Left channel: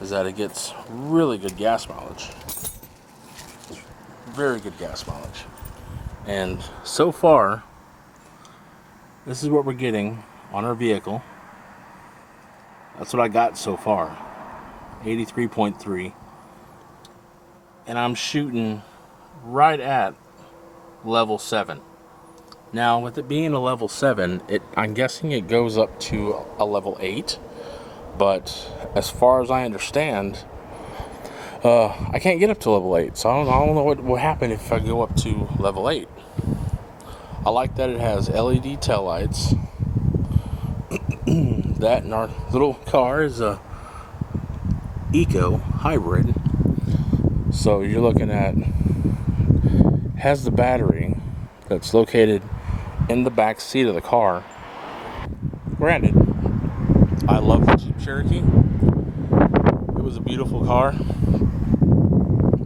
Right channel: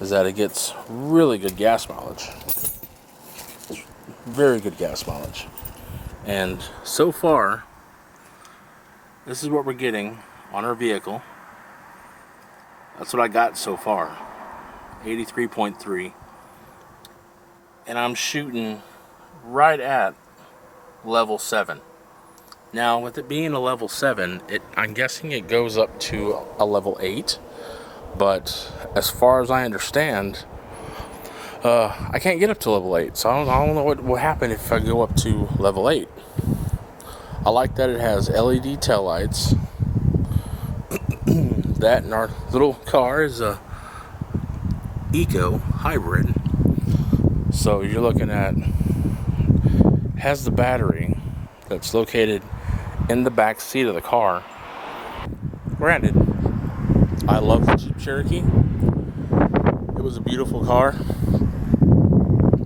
is that it gets really good gas mileage. Very good gas mileage. And so far, this is what we're getting on our vehicle. That's what I got so far. 83.3. And I'm shooting right at level 7. Now, with it being a level 7, I'm guessing it goes up to a level 8. But as far as I understand, I can't get up to level 8. So I don't know what will happen if I go up to level 8. I like that it has LED taillights. That and our little car is a eco hybrid. So you're looking at, has the battery that's located in the back seat of the car. Granted, I love the Jeep Cherokee. It was a beautiful car.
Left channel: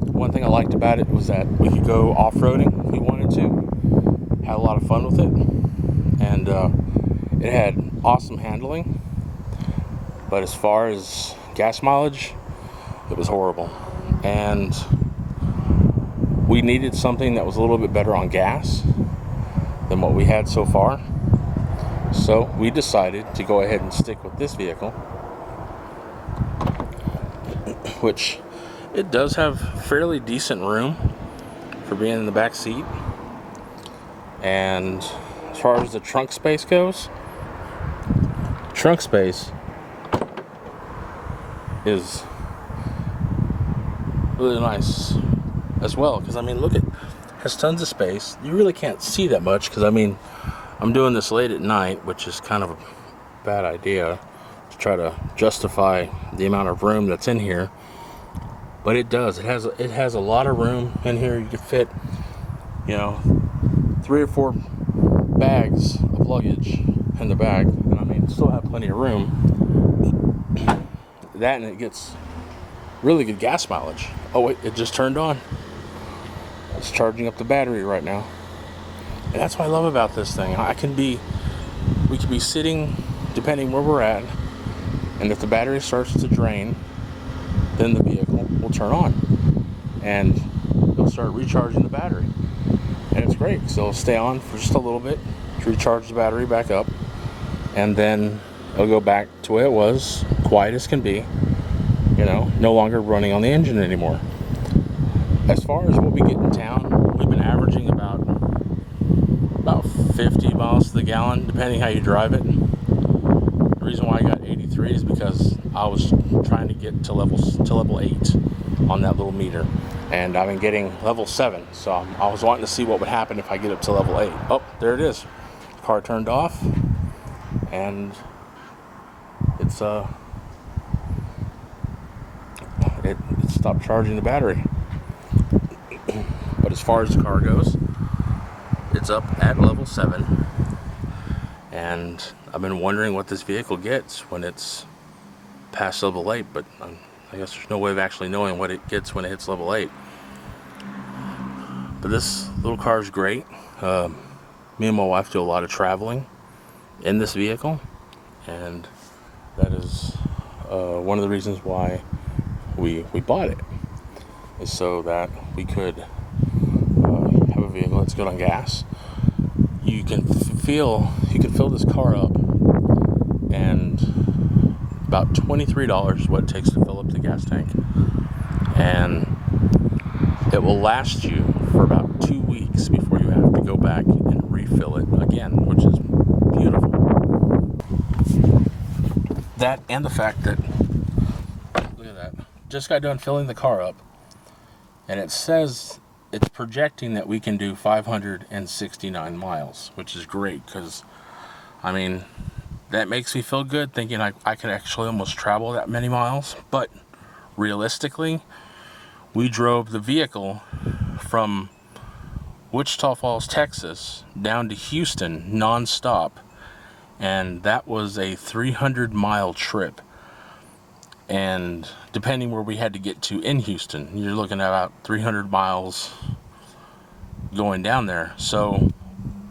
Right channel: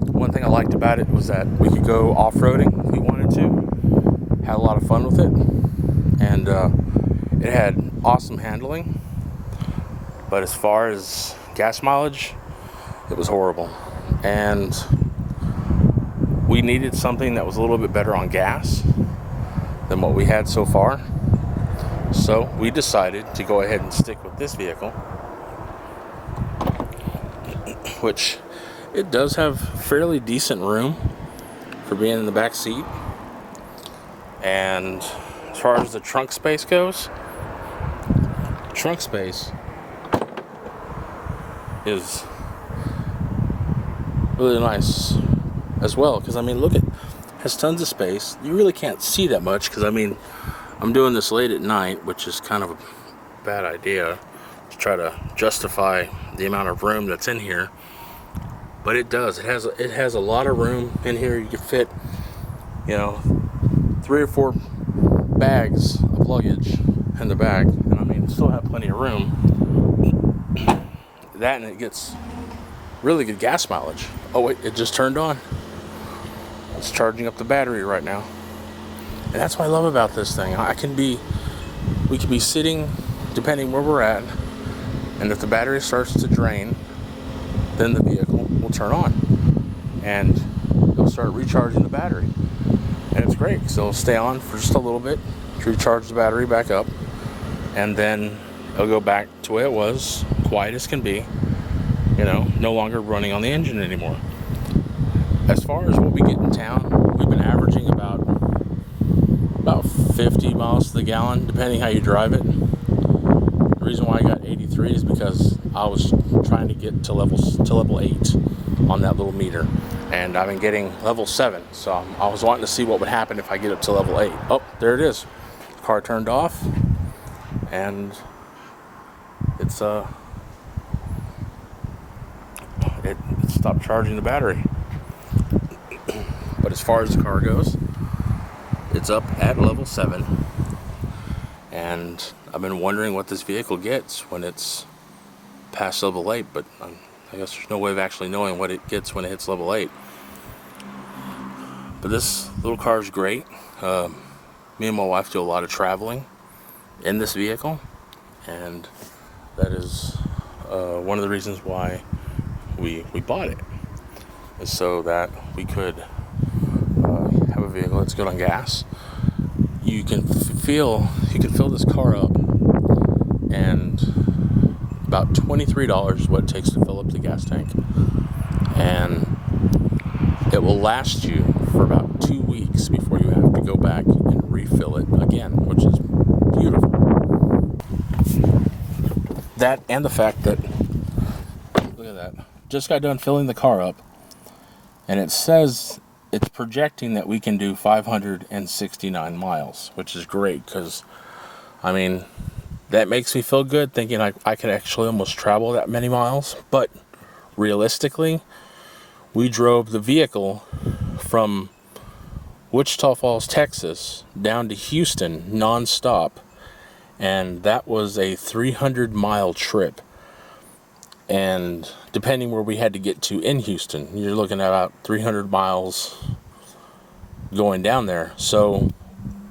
One thing I liked about it was that we could go off-roading if we wanted to. Had a lot of fun with it. And it had awesome handling. But as far as gas mileage, it was horrible. And we needed something that was a little bit better on gas than what we had so far. So we decided to go ahead and stick with this vehicle, which it does have fairly decent room for being in the back seat. And as far as the trunk space goes, trunk space is really nice as well, because I mean, look, it has tons of space. You really can't see that much because I mean, I'm doing this late at night, which is kind of a bad idea to try to justify the amount of room that's in here. But it does. It has a lot of room in here. You can fit, 3 or 4 bags of luggage in the back, and I mean, still have plenty of room. That, and it gets really good gas mileage. Oh wait, it just turned on. It's charging up the battery right now. And that's what I love about this thing. We can be sitting, depending where we're at, and if the battery starts to drain, then the vehicle will turn on, and it'll start recharging the battery. And it's great. So it'll stay on for just a little bit to recharge the battery back up, and then it'll go back to the way it was, quiet as can be, no longer running on the engine anymore. As far as what we get in town, we've been averaging about 50 miles to the gallon, depending how you drive it. The reason why I got 83 is because I was trying to get to level 8 on that little meter, and I've been getting level 7. So I was wanting to see what would happen if I get up to level 8. Oh, there it is. The car turned off, and it stopped charging the battery. But as far as the car goes, it's up at level 7, and I've been wondering what this vehicle gets when it's past level 8, but I guess there's no way of actually knowing what it gets when it hits level 8. But this little car is great. Me and my wife do a lot of traveling in this vehicle, and that is one of the reasons why we bought it, is so that we could have a vehicle that's good on gas. You can fill this car up, and about $23 is what it takes to fill up the gas tank, and it will last you for about 2 weeks before you have to go back and refill it again, which is beautiful. That, and the fact that, look at that, just got done filling the car up, and it says it's projecting that we can do 569 miles, which is great, because I mean, that makes me feel good thinking I could actually almost travel that many miles. But realistically, we drove the vehicle from Wichita Falls, Texas down to Houston nonstop, and that was a 300-mile trip. And depending where we had to get to in Houston, you're looking at about 300 miles going down there. So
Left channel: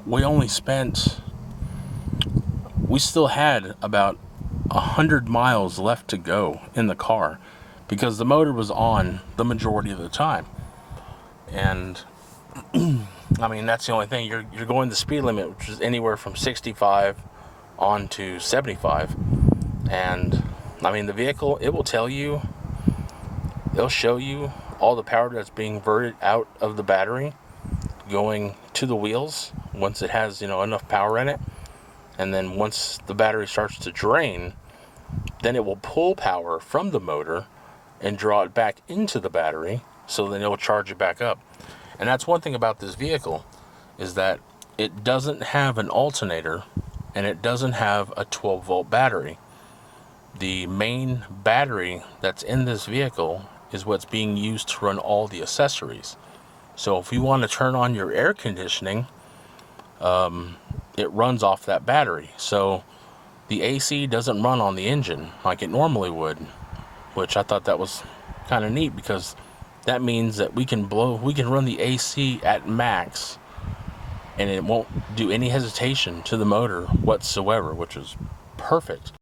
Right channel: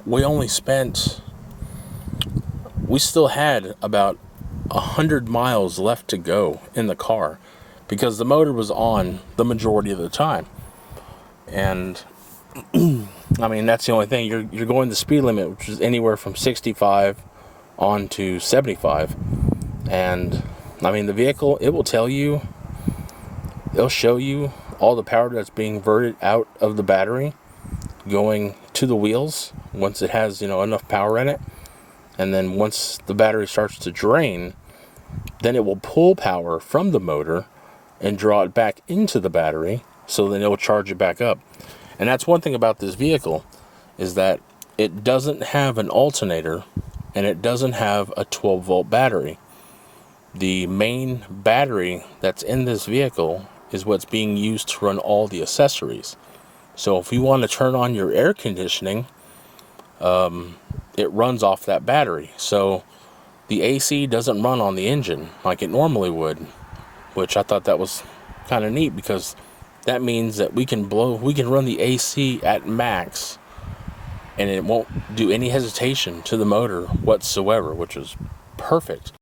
we still had about 100 miles left to go in the car. because the motor was on the majority of the time. And I mean, that's the only thing. You're going the speed limit, which is anywhere from 65 on to 75. And I mean, the vehicle, it will tell you, it'll show you all the power that's being diverted out of the battery going to the wheels once it has, enough power in it. And then once the battery starts to drain, then it will pull power from the motor and draw it back into the battery, so then it will charge it back up. And that's one thing about this vehicle, is that it doesn't have an alternator and it doesn't have a 12-volt battery. The main battery that's in this vehicle is what's being used to run all the accessories. So if you want to turn on your air conditioning, it runs off that battery. So the AC doesn't run on the engine like it normally would, which I thought that was kind of neat, because that means that we can run the AC at max and it won't do any hesitation to the motor whatsoever, which is perfect.